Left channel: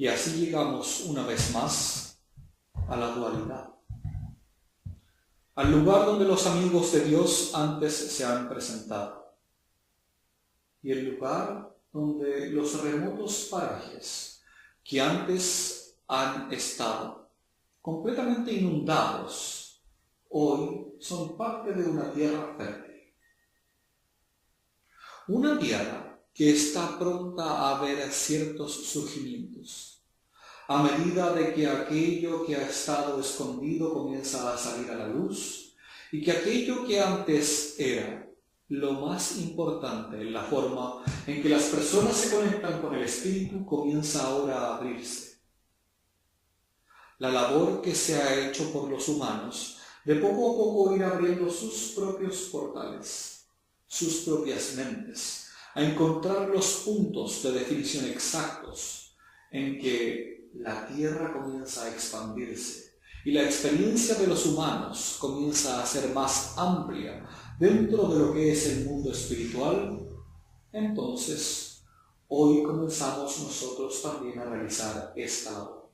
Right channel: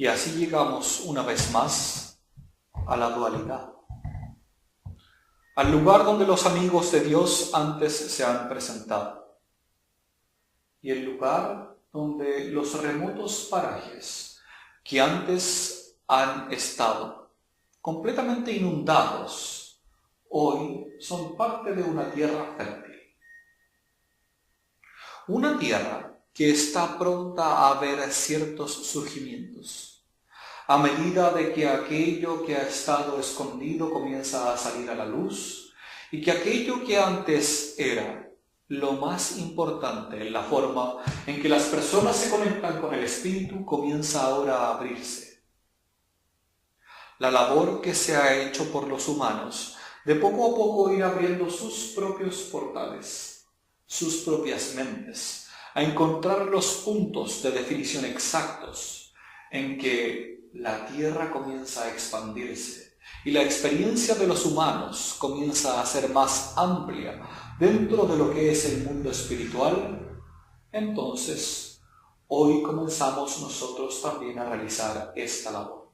Y así llegamos una vez más a la dualidad, al lugar donde los amigos de Dios antes se han presentado y el lugar donde los remotos parajes que antes han estado completamente inundados, hoy son parte de una tierra fértil. Una tierra que está pronta a ver ciertos surgimientos, a medida de que aquello que ha estado escondido comienza a salir a la luz y que aquello que antes era lo más importante, la forma en que las personas se conectan con el Espíritu, comienza ahora a abrirse. La labor que se ha hecho por los humanos de poco a poco ir abriendo sus propios portales, sus propias mentes, a encontrar los puntos de definición exactos en que la tierra comienza a expandirse y la experiencia de los humanos comienza a ser más amplia dentro de lo que es el mundo espiritual. Entonces, hoy comenzamos nosotros también a realizar esta labor.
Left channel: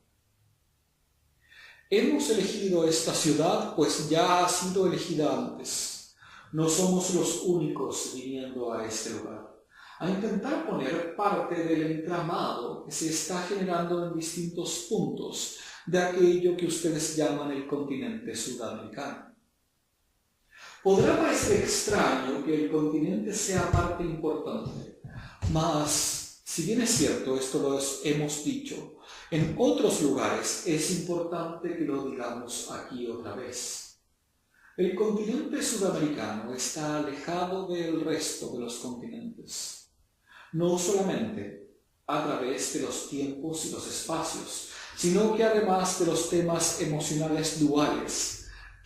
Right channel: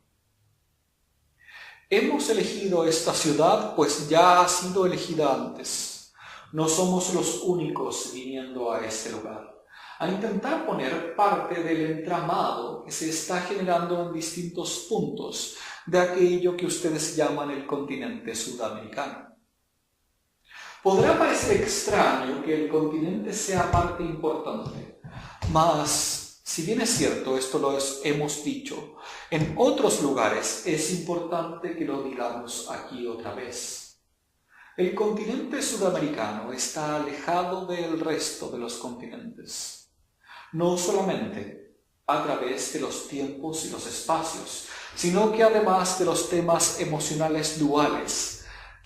Hemos elegido esta ciudad, pues ya ha sido elegida antes. No somos los únicos viniendo a este lugar, a intentar poner parte del entramado que se está generando en distintos puntos de aquello que ustedes llaman el continente sudamericano. Podrá parecer extraño que el continente sea parte importante, mas si bien es cierto, esto lo hemos dicho, en otros lugares es importante que lo digamos aquí otra vez. El continente sudamericano está alejado del resto de los continentes, no solamente a través de los tiempos y los espacios, sino que además de los temas emocionales duales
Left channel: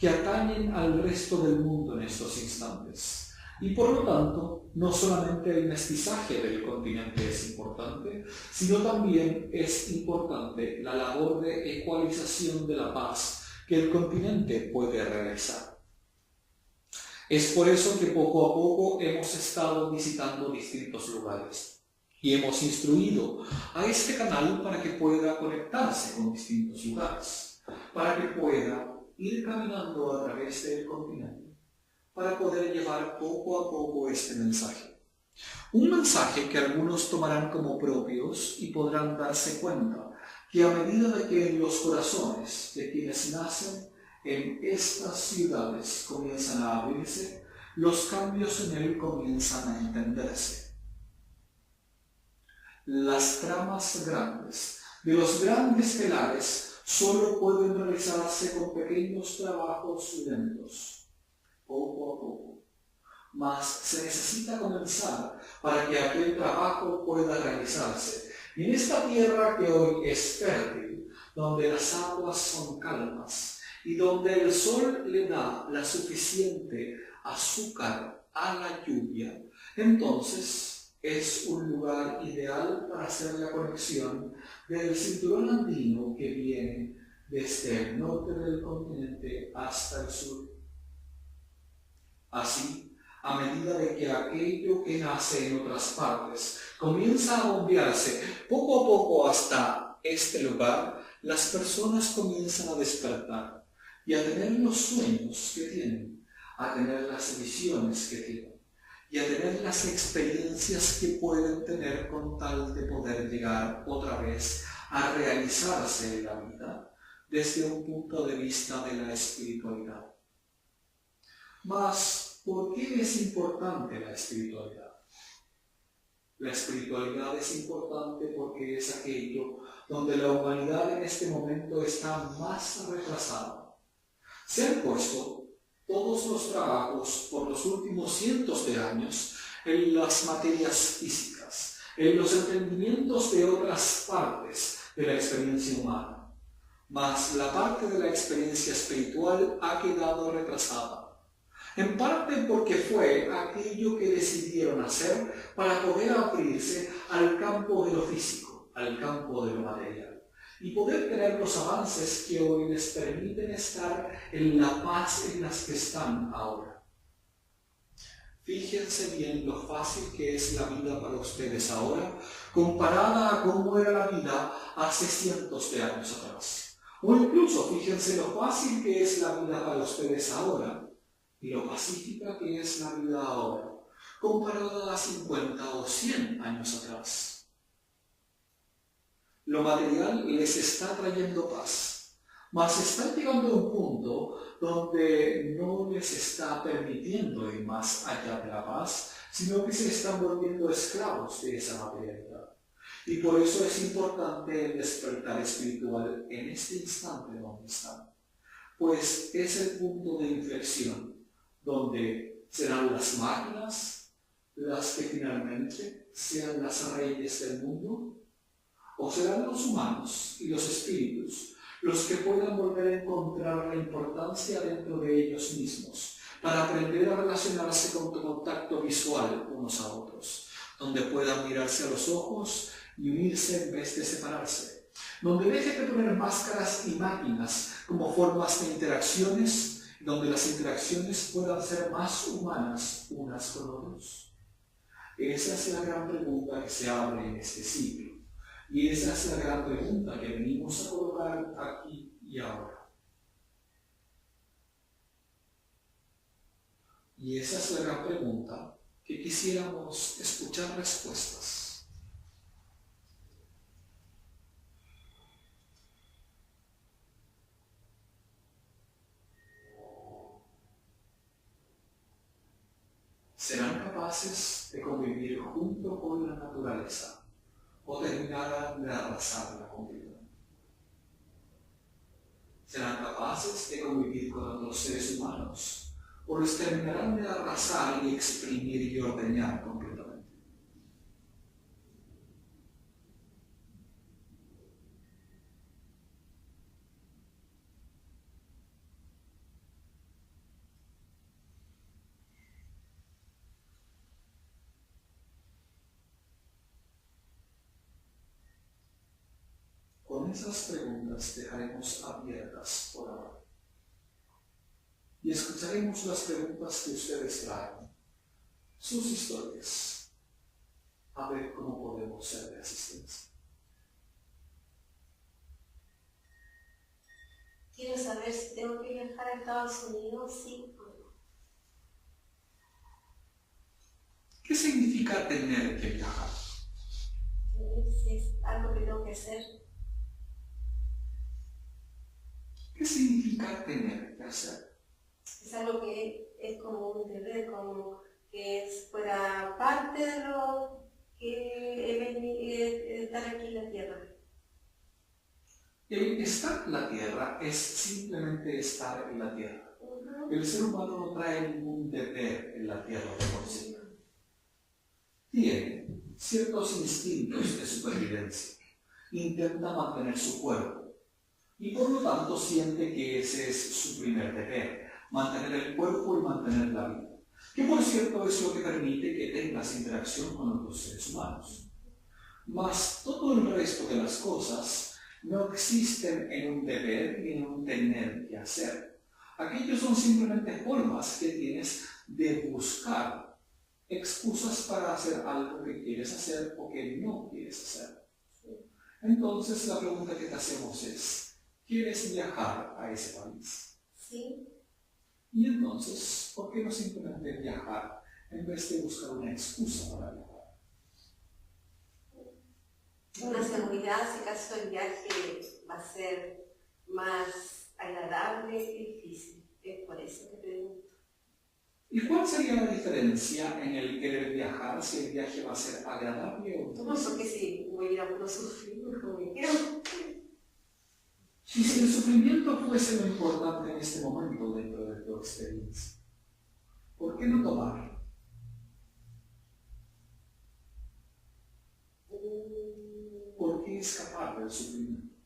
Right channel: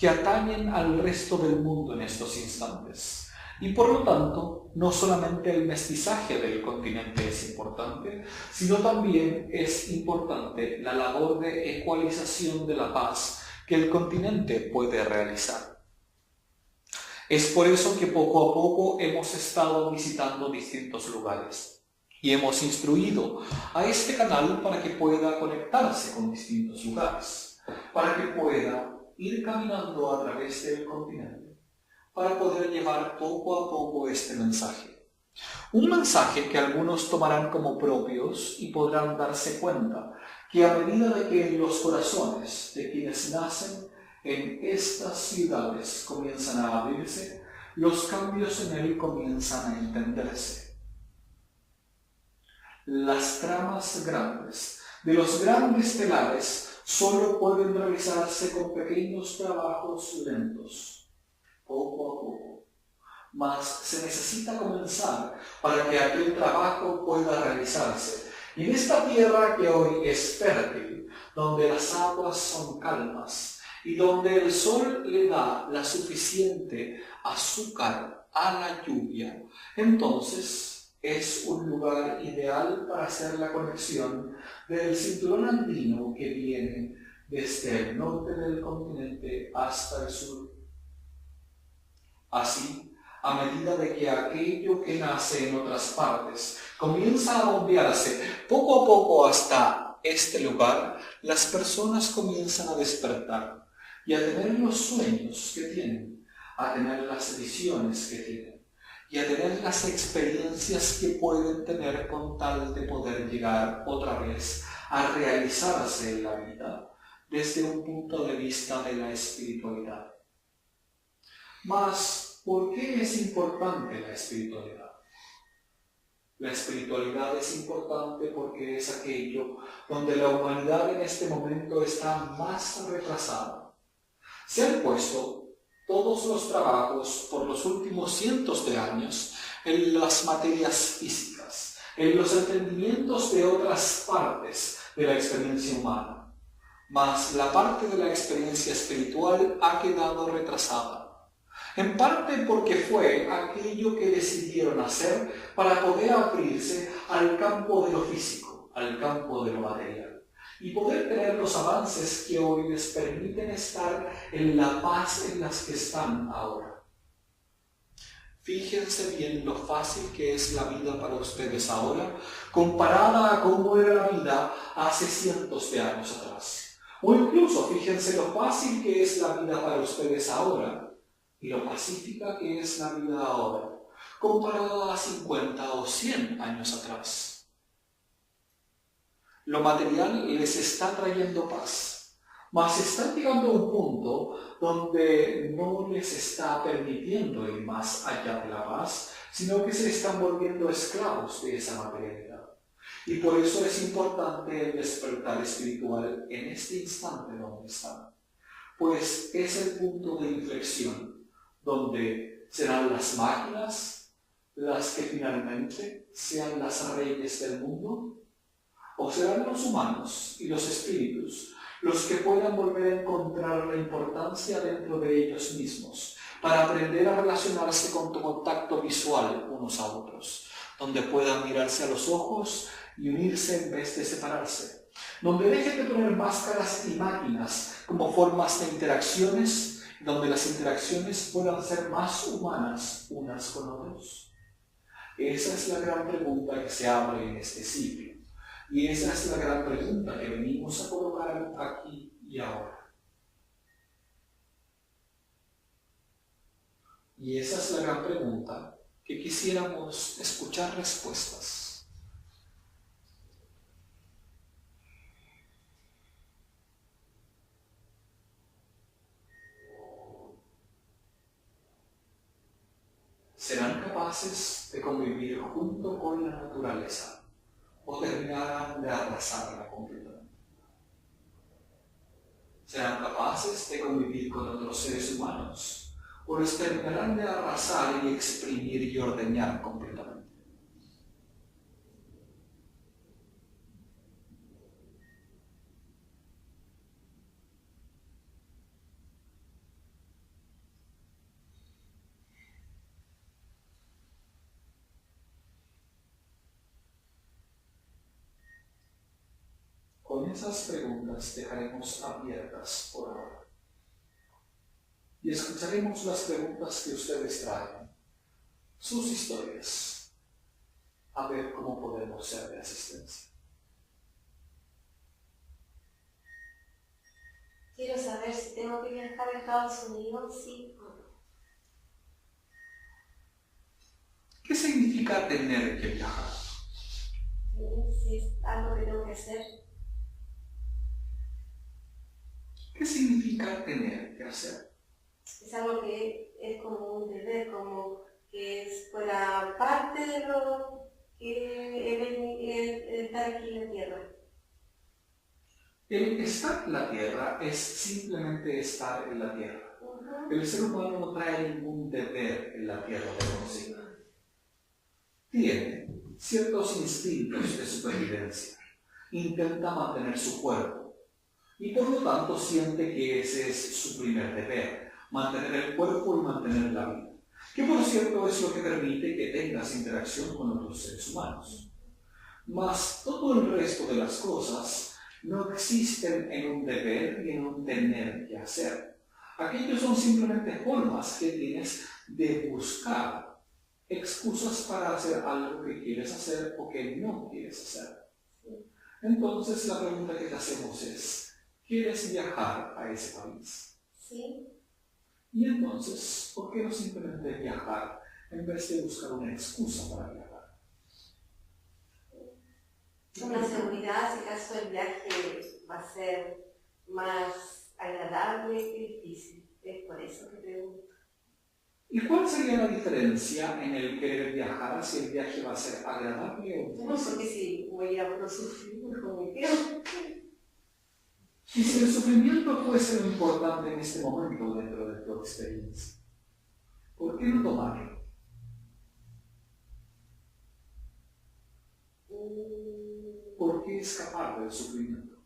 que atañen al resto del mundo en estos instantes. Y por lo tanto, no solamente el mestizaje del continente es importante, sino también es importante la labor de ecualización de la paz que el continente puede realizar. Es por eso que poco a poco hemos estado visitando distintos lugares y hemos instruido a este canal para que pueda conectarse con distintos lugares, para que pueda ir caminando a través del continente, para poder llevar poco a poco este mensaje. Un mensaje que algunos tomarán como propios y podrán darse cuenta que a medida de que los corazones de quienes nacen en estas ciudades comienzan a abrirse, los cambios en él comienzan a entenderse. Las tramas grandes de los grandes telares solo pueden realizarse con pequeños trabajos lentos, poco a poco. Mas se necesita comenzar para que aquel trabajo pueda realizarse. Y en esta tierra que hoy es fértil, donde las aguas son calmas y donde el sol le da la suficiente azúcar a la lluvia, entonces es un lugar ideal para hacer la conexión del cinturón andino que viene desde el norte del continente hasta el sur. Así, a medida de que aquello que nace en otras partes comienza a bombearse poco a poco hasta este lugar, las personas comienzan a despertar y a tener los sueños que tienen, a tener las visiones que tienen y a tener las experiencias que pueden tener con tal de poder llegar otra vez a realizarse en la vida desde un punto de vista de la espiritualidad. Mas, ¿por qué es importante la espiritualidad? La espiritualidad es importante porque es aquello donde la humanidad en este momento está más retrasada. Se han puesto todos los trabajos por los últimos cientos de años en las materias físicas, en los entendimientos de otras partes de la experiencia humana. Mas la parte de la experiencia espiritual ha quedado retrasada. En parte porque fue aquello que decidieron hacer para poder abrirse al campo de lo físico, al campo de lo material, y poder tener los avances que hoy les permiten estar en la paz en las que están ahora. Fíjense bien lo fácil que es la vida para ustedes ahora, comparada a cómo era la vida hace cientos de años atrás. O incluso fíjense lo fácil que es la vida para ustedes ahora y lo pacífica que es la vida ahora, comparada a 50 o 100 años atrás. Lo material les está trayendo paz, mas están llegando a un punto donde no les está permitiendo ir más allá de la paz, sino que se están volviendo esclavos de esa materialidad. Y por eso es importante el despertar espiritual en este instante donde están, pues es el punto de inflexión, donde serán las máquinas las que finalmente sean las reyes del mundo, o serán los humanos y los espíritus los que puedan volver a encontrar la importancia dentro de ellos mismos, para aprender a relacionarse con tu contacto visual unos a otros, donde puedan mirarse a los ojos y unirse en vez de separarse, donde dejen de poner máscaras y máquinas como formas de interacciones, donde las interacciones puedan ser más humanas unas con otros. Esa es la gran pregunta que se abre en este ciclo. Y esa es la gran pregunta que venimos a colocar aquí y ahora. Y esa es la gran pregunta que quisiéramos escuchar respuestas. ¿Serán capaces de convivir junto con la naturaleza o terminarán de arrasarla completamente? ¿Serán capaces de convivir con otros seres humanos o los terminarán de arrasar y exprimir y ordeñar completamente? Con esas preguntas dejaremos abiertas por ahora. Y escucharemos las preguntas que ustedes traen, sus historias, a ver cómo podemos ser de asistencia. Quiero saber si tengo que viajar a Estados Unidos, sí o no. ¿Qué significa tener que viajar? Si es algo que tengo que hacer. ¿Qué significa tener que hacer? Es algo que es como un deber, como que fuera parte de lo que es estar aquí en la Tierra. El estar en la Tierra es simplemente estar en la Tierra. El ser humano no trae ningún deber en la Tierra de consigo. Tiene ciertos instintos de supervivencia. Intenta mantener su cuerpo. Y por lo tanto siente que ese es su primer deber, mantener el cuerpo y mantener la vida. Que por cierto es lo que permite que tengas interacción con otros seres humanos. Mas todo el resto de las cosas no existen en un deber ni en un tener que hacer. Aquellos son simplemente formas que tienes de buscar excusas para hacer algo que quieres hacer o que no quieres hacer. Entonces la pregunta que te hacemos es, ¿quieres viajar a ese país? Sí. Y entonces, ¿por qué no simplemente viajar en vez de buscar una excusa para viajar? Una seguridad, si acaso el viaje va a ser más agradable que difícil. Es por eso que pregunto. ¿Y cuál sería la diferencia en el querer viajar si el viaje va a ser agradable o no? No, porque si voy a ir a puro sufrir, mejor me quedo. Y si el sufrimiento fuese lo importante en este momento dentro de tu experiencia, ¿por qué no tomarlo? ¿Por qué escapar del sufrimiento?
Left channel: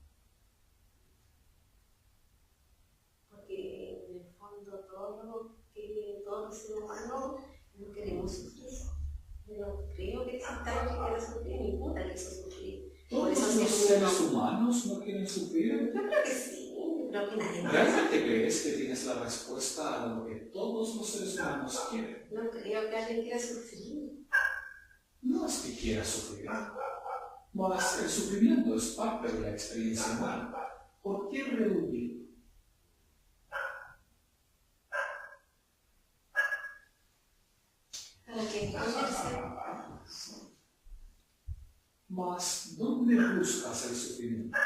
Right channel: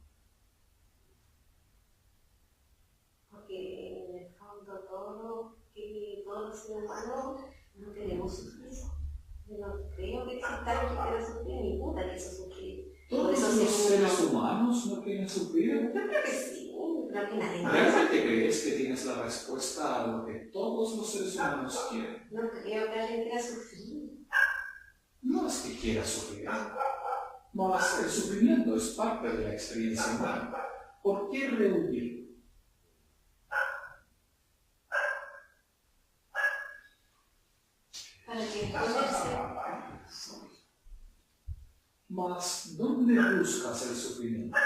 Porque en el fondo todos los seres humanos no queremos sufrir. Yo no creo que exista alguien que quiera sufrir, ninguna quiso sufrir. ¿Todos los seres humanos no quieren sufrir? Yo creo que sí. creo que nadie más. ¿Realmente crees que tienes la respuesta a lo que todos los seres humanos quieren? No creo que alguien quiera sufrir. No es que quieras sufrir, mas el sufrimiento es parte de la experiencia humana. ¿Por qué rehuir? Para que entenderse. Mas, ¿dónde buscas el sufrimiento?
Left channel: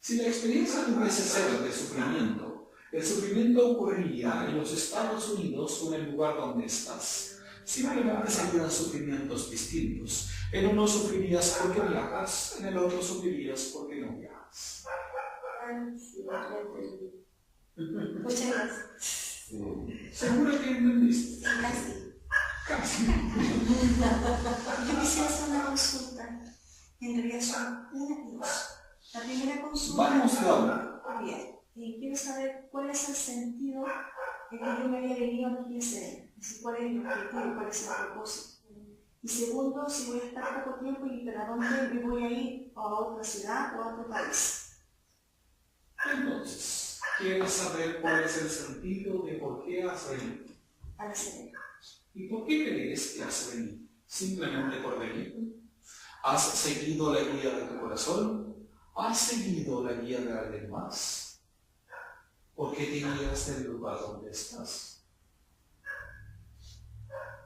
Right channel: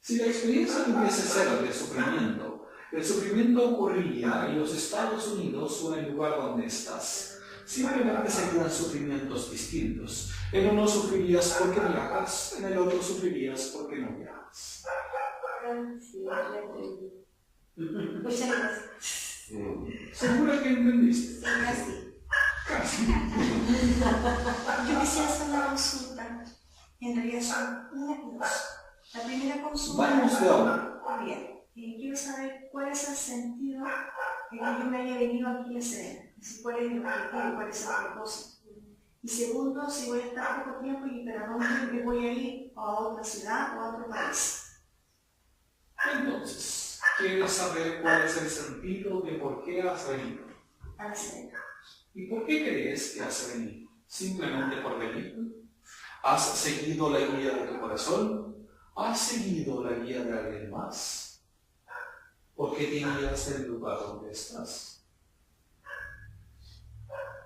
Si la experiencia tuviese ser de sufrimiento, el sufrimiento ocurriría en los Estados Unidos o en el lugar donde estás. Simplemente serían sufrimientos distintos. En uno sufrirías porque viajas, en el otro sufrirías porque no viajas. Sí, ya entendí. Muchas gracias. ¿Segura que entendiste? Sí, casi. Casi. Yo quisiera hacer una consulta. En realidad son una y dos. La primera consulta. Vamos de ahora. Bien. Quiero saber cuál es el sentido de que yo me haya venido aquí a Serena. ¿Cuál es el objetivo? ¿Cuál es el propósito? Y segundo, si voy a estar poco tiempo y para dónde me voy a ir, a otra ciudad o a otro país. Entonces, ¿quieres saber cuál es el sentido de por qué has venido? A la Serena. ¿Y por qué crees que has venido? ¿Simplemente por venir? ¿Has seguido la guía de tu corazón? ¿Has seguido la guía de alguien más? ¿Por qué te irías del lugar donde estás?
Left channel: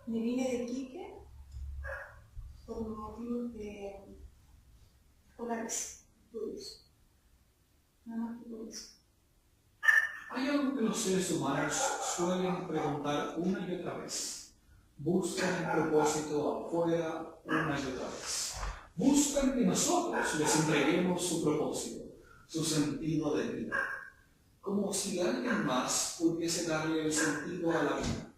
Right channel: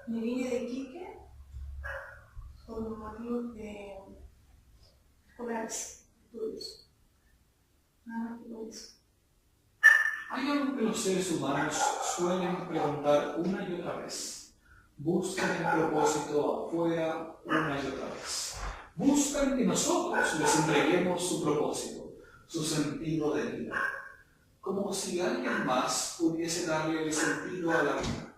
Me vine de Iquique por motivos de escolares, estudios. Nada más que por eso. Hay algo que los seres humanos suelen preguntar una y otra vez. Buscan el propósito afuera una y otra vez. Buscan que nosotros les entreguemos su propósito, su sentido de vida, como si alguien más pudiese darle el sentido a la vida.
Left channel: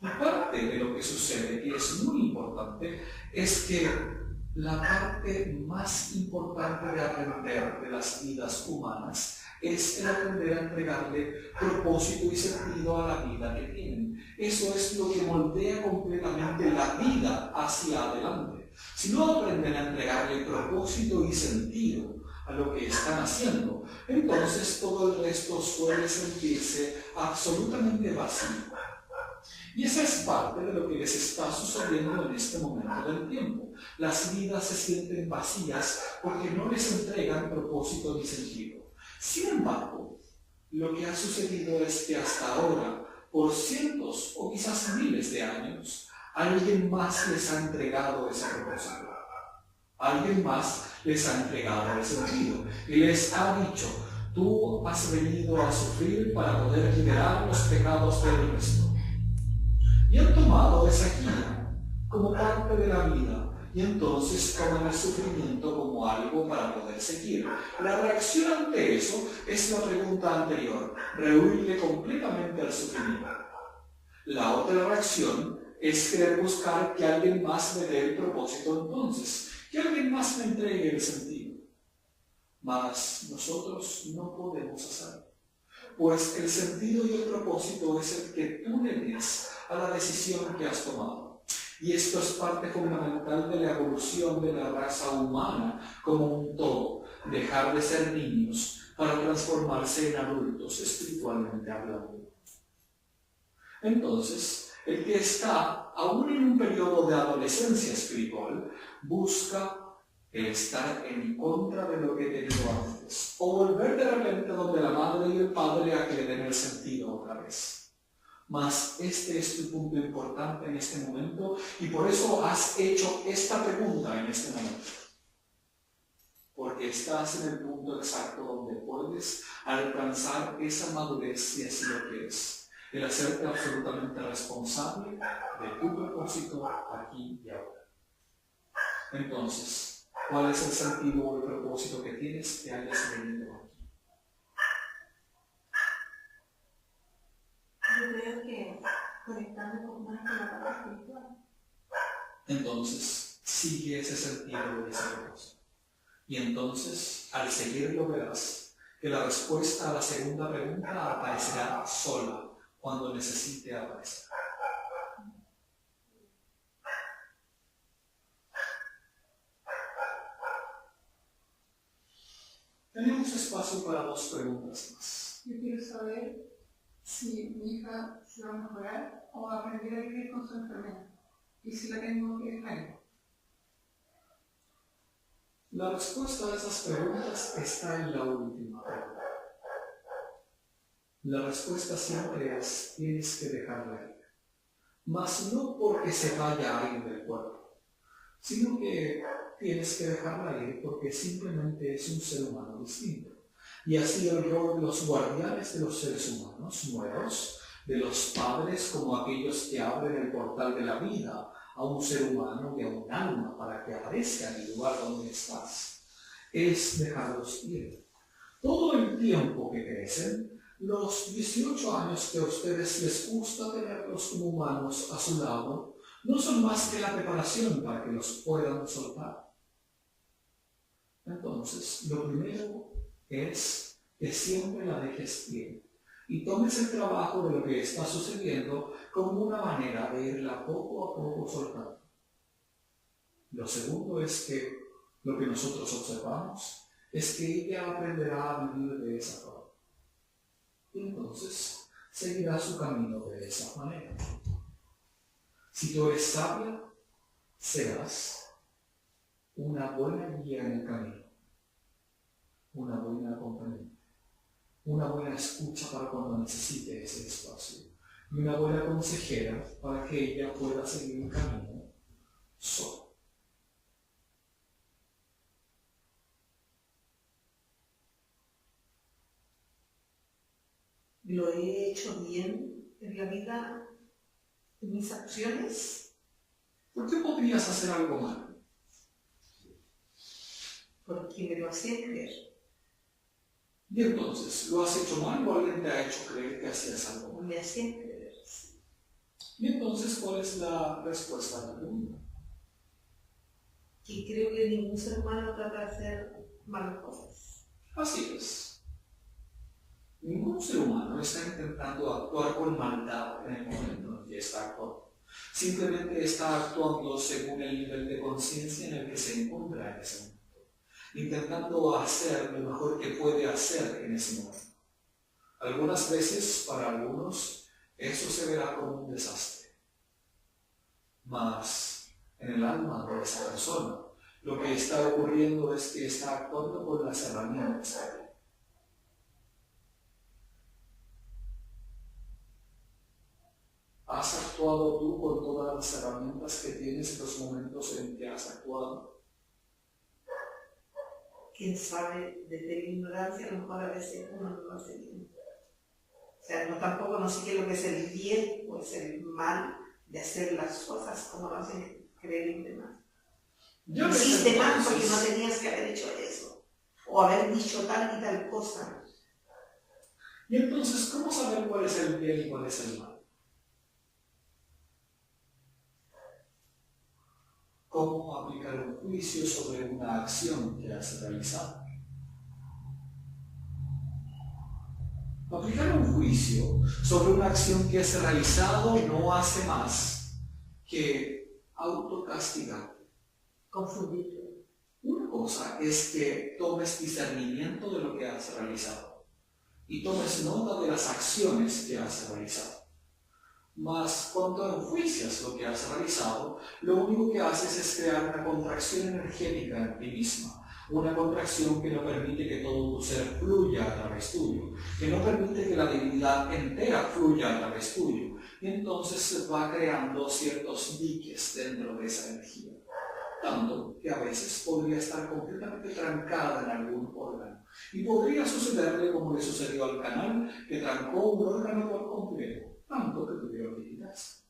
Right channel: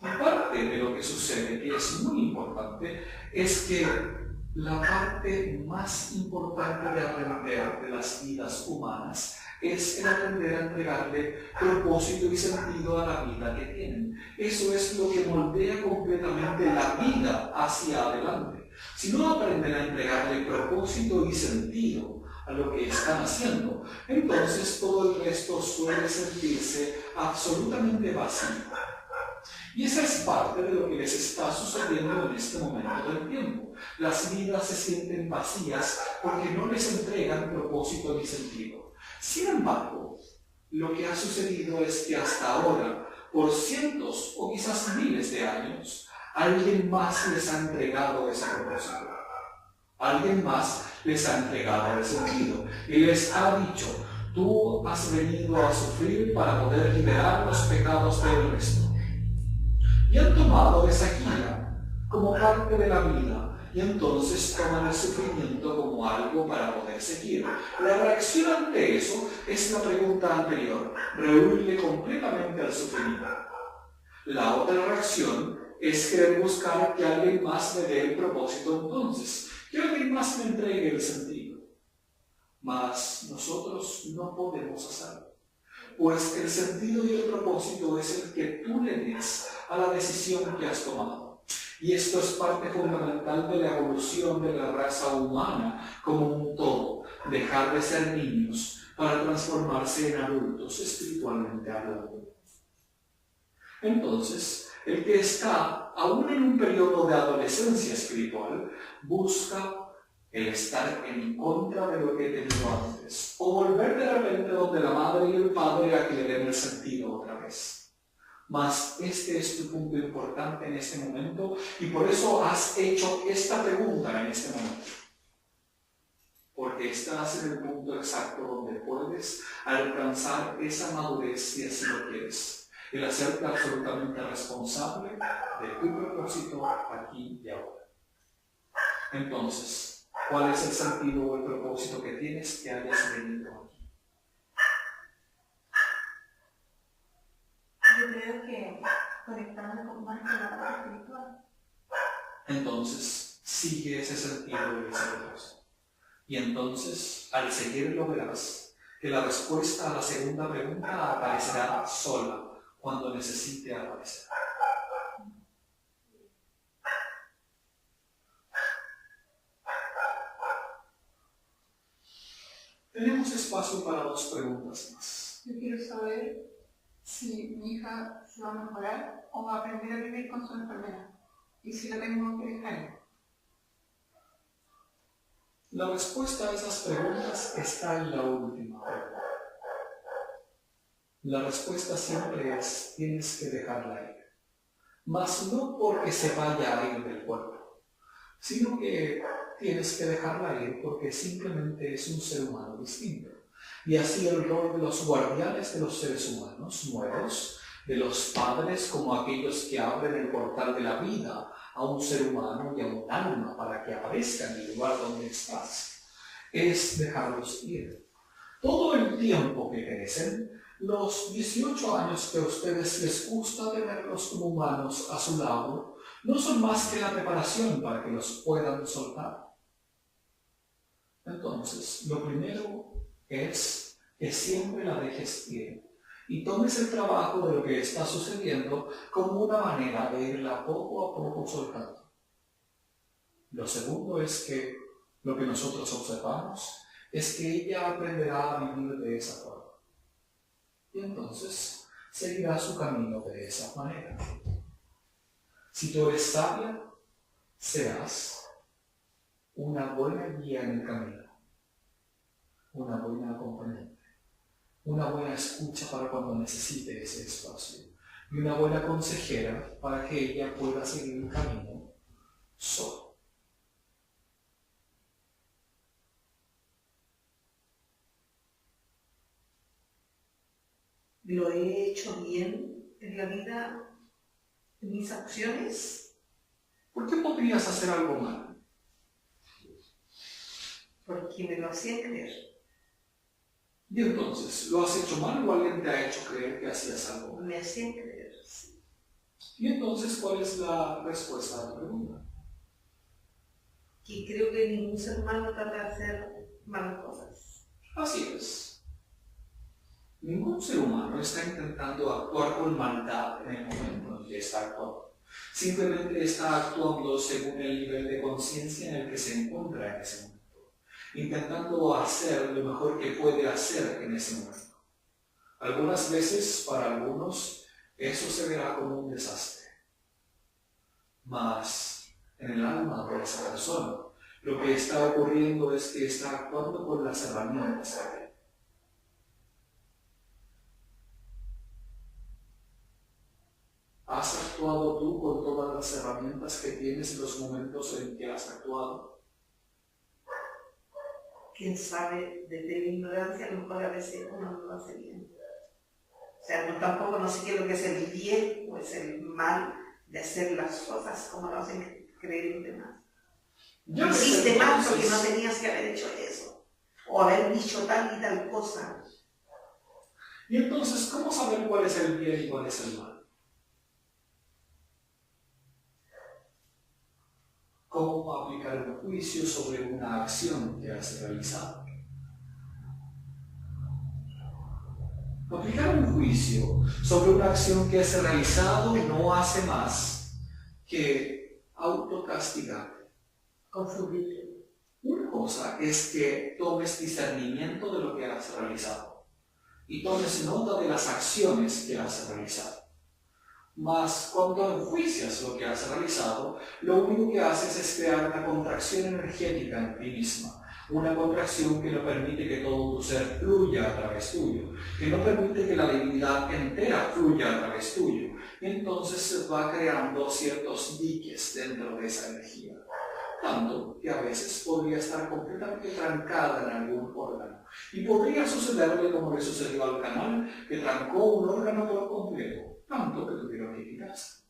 Y parte de lo que sucede, que es muy importante, es que la parte más importante de aprender de las vidas humanas es el aprender a entregarle propósito y sentido a la vida que tienen. Eso es lo que moldea completamente la vida hacia adelante. Si no aprenden a entregarle propósito y sentido a lo que están haciendo, entonces todo el resto suele sentirse absolutamente vacío. Y esa es parte de lo que les está sucediendo en este momento del tiempo. Las vidas se sienten vacías porque no les entregan propósito ni sentido. Sin embargo, lo que ha sucedido es que hasta ahora, por cientos o quizás miles de años, alguien más les ha entregado ese propósito. Alguien más les ha entregado el sentido y les ha dicho: tú has venido a sufrir para poder liberar los pecados del resto. Y han tomado esa guía como parte de la vida y entonces toman el sufrimiento como algo para poder seguir. La reacción ante eso es la pregunta anterior: rehuirle completamente al sufrimiento. La otra reacción es querer buscar que alguien más me dé el propósito entonces, que alguien más me entregue el sentido. Mas nosotros no podemos hacerlo, pues el sentido y el propósito es el que tú le des a la decisión que has tomado. Y esto es parte fundamental de la evolución de la raza humana como un todo, dejar de ser niños para transformarse en adultos espiritualmente hablando. Entonces, el que está aún en un periodo de adolescencia espiritual busca el estar en contra de lo que he tenido antes, o volver de repente donde la madre y el padre a que le den el sentido otra vez. Mas este es tu punto importante en este momento y por eso has hecho esta pregunta en este momento. Porque estás en el punto exacto donde puedes alcanzar esa madurez si así lo quieres. El hacerte absolutamente responsable de tu propósito aquí y ahora. Entonces, ¿cuál es el sentido o el propósito que tienes que hayas venido aquí? Yo creo que conectando más con la parte espiritual. Entonces, sigue ese sentido y ese propósito. Y entonces, al seguirlo verás que la respuesta a la segunda pregunta aparecerá sola cuando necesite aparecer. Tenemos espacio para 2 preguntas más. Yo quiero saber si mi hija se va a mejorar o va a aprender a vivir con su enfermedad y si la tengo que dejar. La respuesta a esas preguntas está en la última pregunta. La respuesta siempre es: tienes que dejarla ir. Mas no porque se vaya a ir del cuerpo, sino que tienes que dejarla ir porque simplemente es un ser humano distinto. Y así el rol de los guardianes de los seres humanos nuevos, de los padres como aquellos que abren el portal de la vida a un ser humano y a un alma para que aparezca en el lugar donde estás, es dejarlos ir. Todo el tiempo que crecen, los 18 años que a ustedes les gusta tenerlos como humanos a su lado, no son más que la preparación para que los puedan soltar. Entonces, lo primero es que siempre la dejes ir y tomes el trabajo de lo que está sucediendo como una manera de irla poco a poco soltando. Lo segundo es que lo que nosotros observamos es que ella aprenderá a vivir de esa forma. Y entonces seguirá su camino de esa manera. Si tú eres sabia, serás una buena guía en el camino, una buena acompañante, una buena escucha para cuando necesite ese espacio y una buena consejera para que ella pueda seguir el camino sola. ¿Lo he hecho bien en la vida, en mis acciones? ¿Por qué podrías hacer algo mal? Porque me lo hacía creer. Y entonces, ¿lo has hecho mal o alguien te ha hecho creer que hacías algo mal? Me hacían creer. Y entonces, ¿cuál es la respuesta a la pregunta? Que creo que ningún ser humano trata de hacer malas cosas. Así es. Ningún ser humano está intentando actuar con maldad en el momento en que está actuando. Simplemente está actuando según el nivel de conciencia en el que se encuentra en ese momento, intentando hacer lo mejor que puede hacer en ese momento. Algunas veces, para algunos, eso se verá como un desastre. Mas, en el alma de esa persona, lo que está ocurriendo es que está actuando con las herramientas que tiene. ¿Has actuado tú con todas las herramientas que tienes en los momentos en que has actuado? Quién sabe, desde mi ignorancia, a lo mejor a veces uno no lo hace bien. O sea, tampoco no sé qué es lo que es el bien o es el mal de hacer las cosas como lo hacen creer los demás. Hiciste mal porque no tenías que haber hecho eso, o haber dicho tal y tal cosa. Y entonces, ¿cómo saber cuál es el bien y cuál es el mal? ¿Cómo aplicar un juicio sobre una acción que has realizado? Aplicar un juicio sobre una acción que has realizado no hace más que autocastigarte. Confundirte. Una cosa es que tomes discernimiento de lo que has realizado y tomes nota de las acciones que has realizado. Mas cuando enjuicias lo que has realizado, lo único que haces es crear una contracción energética en ti misma, una contracción que no permite que todo tu ser fluya a través tuyo, que no permite que la divinidad entera fluya a través tuyo, y entonces se va creando ciertos diques dentro de esa energía, tanto que a veces podría estar completamente trancada en algún órgano, y podría sucederle como le sucedió al canal, que trancó un órgano por completo, tanto que tuvieron que quitarse.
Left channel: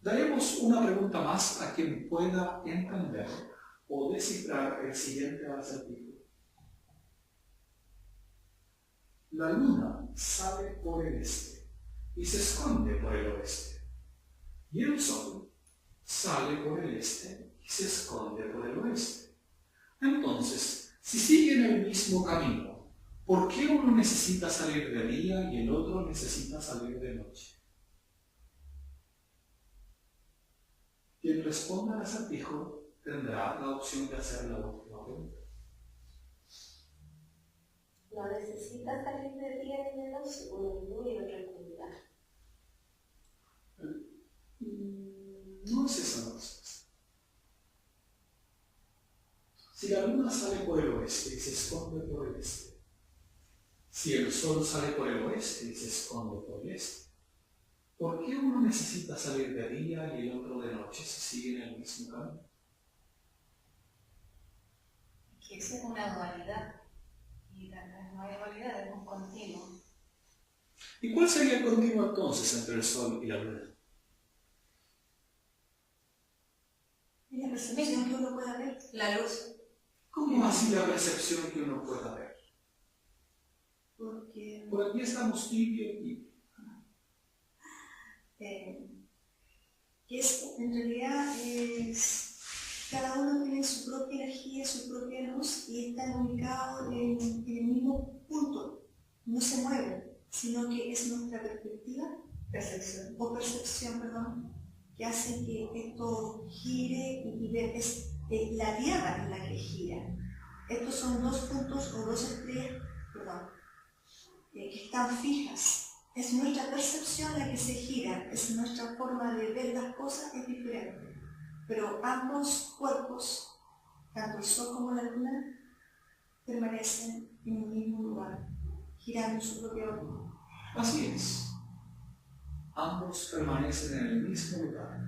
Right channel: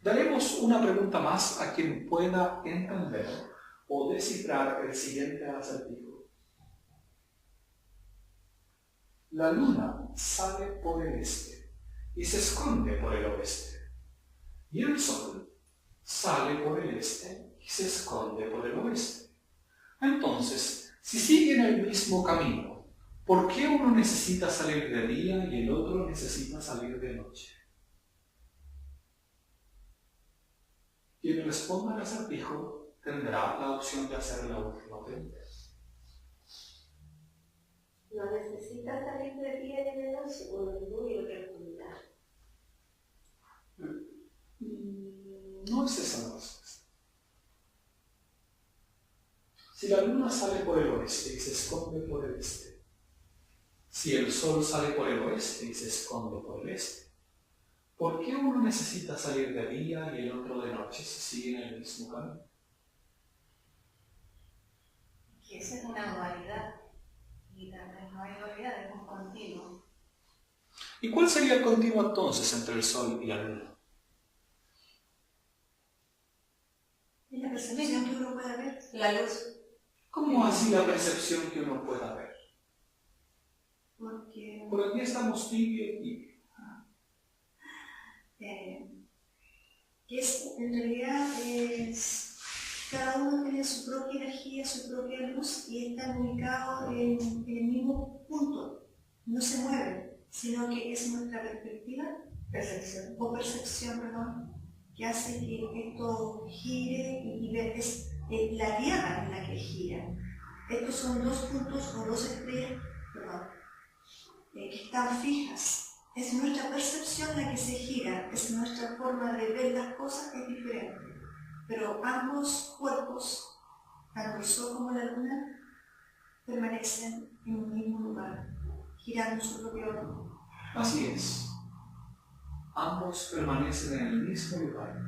Daremos una pregunta más a quien pueda entender o descifrar el siguiente acertijo. La luna sale por el este y se esconde por el oeste, y el sol sale por el este y se esconde por el oeste. Entonces, si siguen el mismo camino, ¿por qué uno necesita salir de día y el otro necesita salir de noche? Quien responda al acertijo tendrá la opción de hacer la última pregunta. No necesita salir de día ni de noche, uno en luz y otro en oscuridad. No es esa la respuesta. Si la luna sale por el oeste y se esconde por el este, si el sol sale por el oeste y se esconde por el este, ¿por qué uno necesita salir de día y el otro de noche si siguen el mismo camino? Que esa es una dualidad. Y también no hay dualidad, es un continuo. ¿Y cuál sería el continuo entonces entre el sol y la luna? Y la percepción que uno pueda ver. La luz. ¿Cómo así la percepción que uno pueda ver? Porque Por aquí estamos tibio y que en realidad cada uno tiene su propia energía, su propia luz y están ubicados en el mismo punto. No se mueven, sino que es nuestra perspectiva, percepción, que hace que esto gire y es la tierra en la que gira. Estos son dos puntos o dos estrellas, que están fijas. Es nuestra percepción la que se gira, es nuestra forma de ver las cosas es diferente. Pero ambos cuerpos, tanto el sol como la luna, permanecen en un mismo lugar, girando su propio orden. así es. Ambos permanecen en el mismo lugar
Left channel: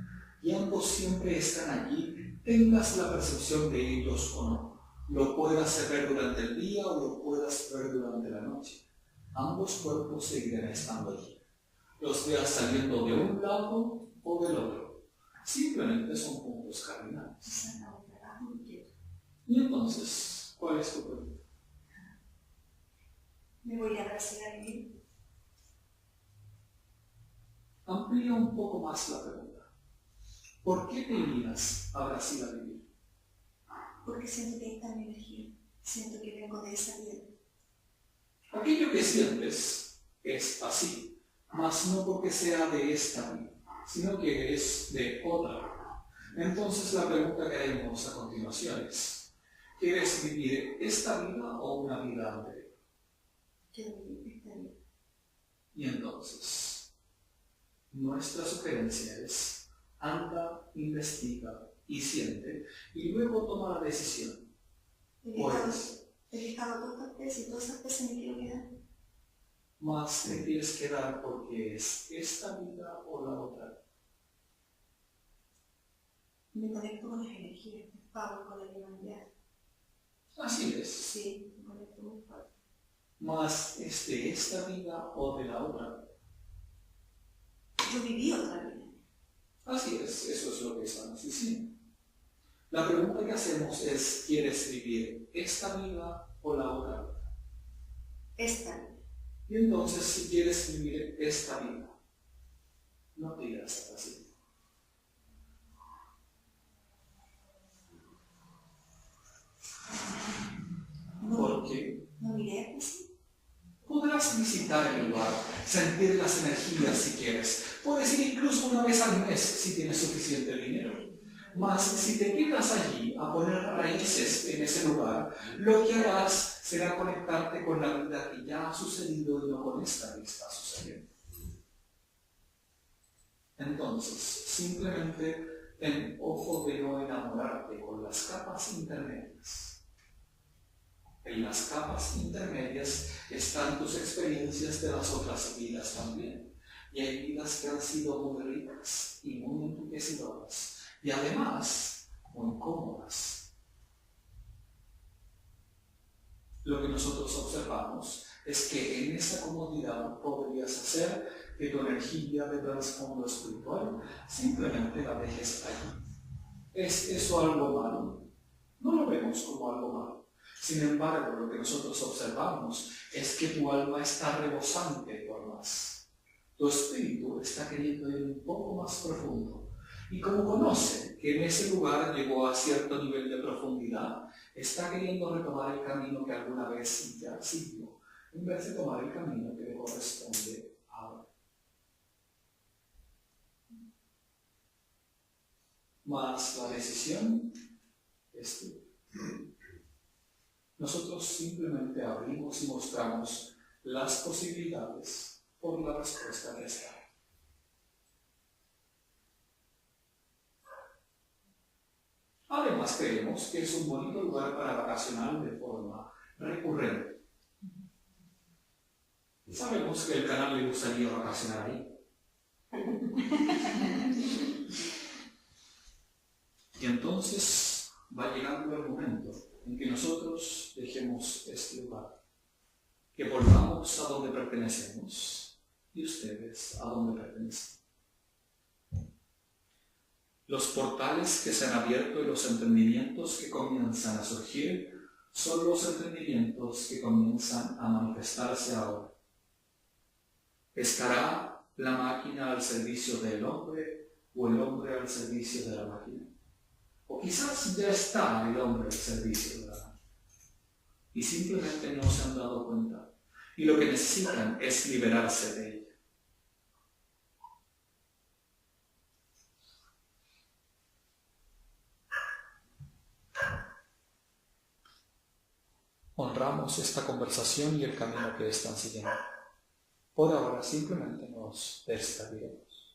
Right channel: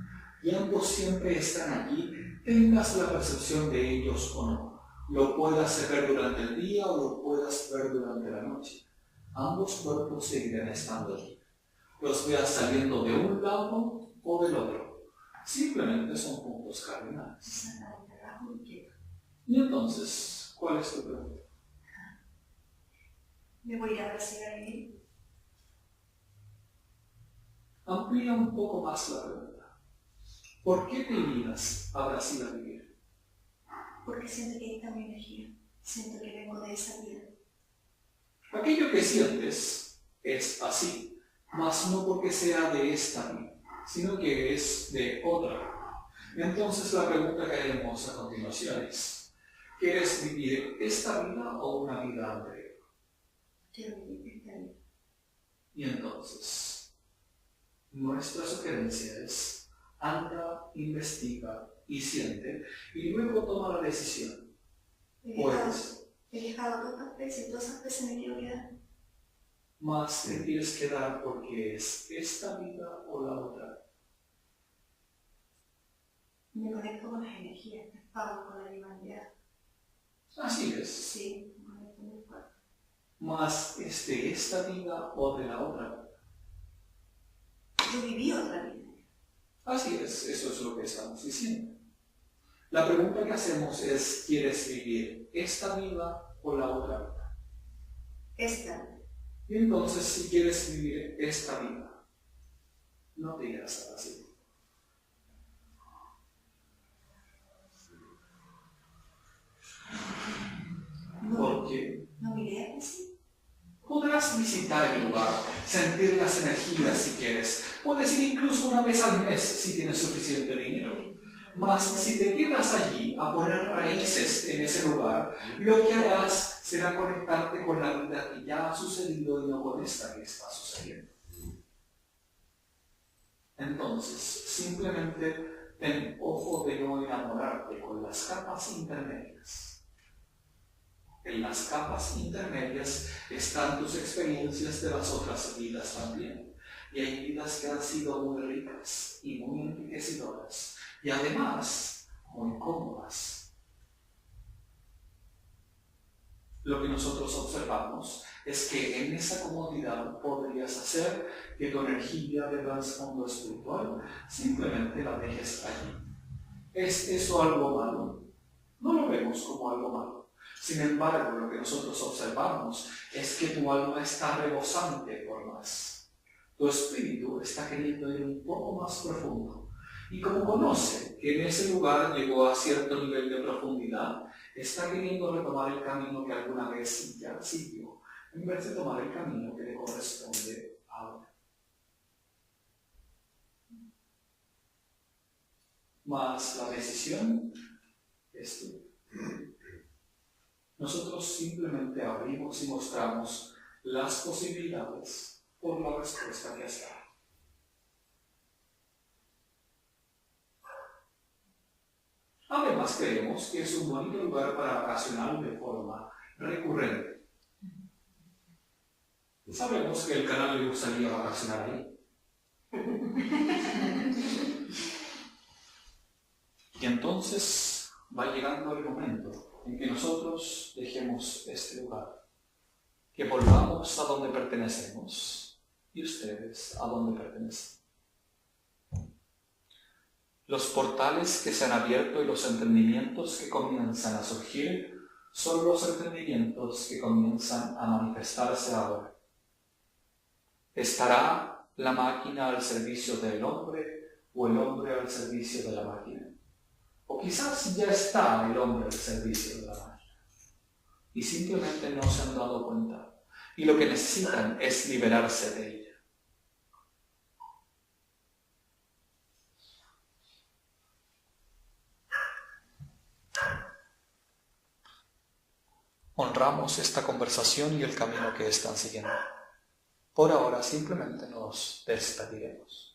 y ambos siempre están allí, tengas la percepción de ellos o no. Lo puedas ver durante el día o lo puedas ver durante la noche. Ambos cuerpos seguirán estando allí. Los veas saliendo de un lado o del otro. Simplemente son puntos cardinales. Y entonces, ¿cuál es tu pregunta? Me voy a Brasil a vivir. Amplía un poco más la pregunta. ¿Por qué te irías a Brasil a vivir? Porque siento que ahí está mi energía. Siento que vengo de esa vida. Aquello que sientes es así, mas no porque sea de esta vida, sino que es de otra. Entonces la pregunta que haremos a continuación es, ¿quieres vivir esta vida o una vida anterior? Quiero vivir esta vida. Y entonces, nuestra sugerencia es, anda, investiga y siente, y luego toma la decisión. He dejado todas veces y todas esas veces me quiero quedar. Más te quieres quedar porque es esta vida o la otra. Me conecto con las energías, me pago con la humanidad. Así es. Sí, me conecto muy fuerte. Más es de esta vida o de la otra vida. Yo viví otra vida. Así es, eso es lo que estamos diciendo. La pregunta que hacemos es, ¿quieres vivir esta vida o la otra vida? Esta vida. Y entonces, si quieres vivir esta vida, no te irás a Brasil. ¿Por qué? No iré así. Podrás visitar el lugar, sentir las energías si quieres. Puedes ir incluso una vez al mes si tienes suficiente dinero. Mas si te quedas allí a poner raíces en ese lugar, lo que harás será conectarte con la vida que ya ha sucedido y no con esta que está sucediendo. Entonces, simplemente ten ojo de no enamorarte con las capas intermedias. En las capas intermedias están tus experiencias de las otras vidas también. Y hay vidas que han sido muy ricas y muy enriquecedoras. Y además, muy cómodas. Lo que nosotros observamos es que en esa comodidad podrías hacer que tu energía de trasfondo espiritual simplemente la dejes allí. ¿Es eso algo malo? No lo vemos como algo malo. Sin embargo, lo que nosotros observamos es que tu alma está rebosante por más. Tu espíritu está queriendo ir un poco más profundo. Y como conoce que en ese lugar llegó a cierto nivel de profundidad, está queriendo retomar el camino que alguna vez ya siguió, en vez de tomar el camino que le corresponde ahora. mas la decisión es tuya. Nosotros simplemente abrimos y mostramos las posibilidades por la respuesta que has dado. Además, creemos que es un bonito lugar para vacacionar de forma recurrente. Sabemos que el canal le gustaría vacacionar ahí. Y entonces va llegando el momento en que nosotros dejemos este lugar, que volvamos a donde pertenecemos y ustedes a donde pertenecen. Los portales que se han abierto y los entendimientos que comienzan a surgir son los entendimientos que comienzan a manifestarse ahora. ¿Estará la máquina al servicio del hombre o el hombre al servicio de la máquina? O quizás ya está el hombre al servicio de la máquina y simplemente no se han dado cuenta y lo que necesitan es liberarse de ella. Honramos esta conversación y el camino que están siguiendo. Por ahora simplemente nos despediremos.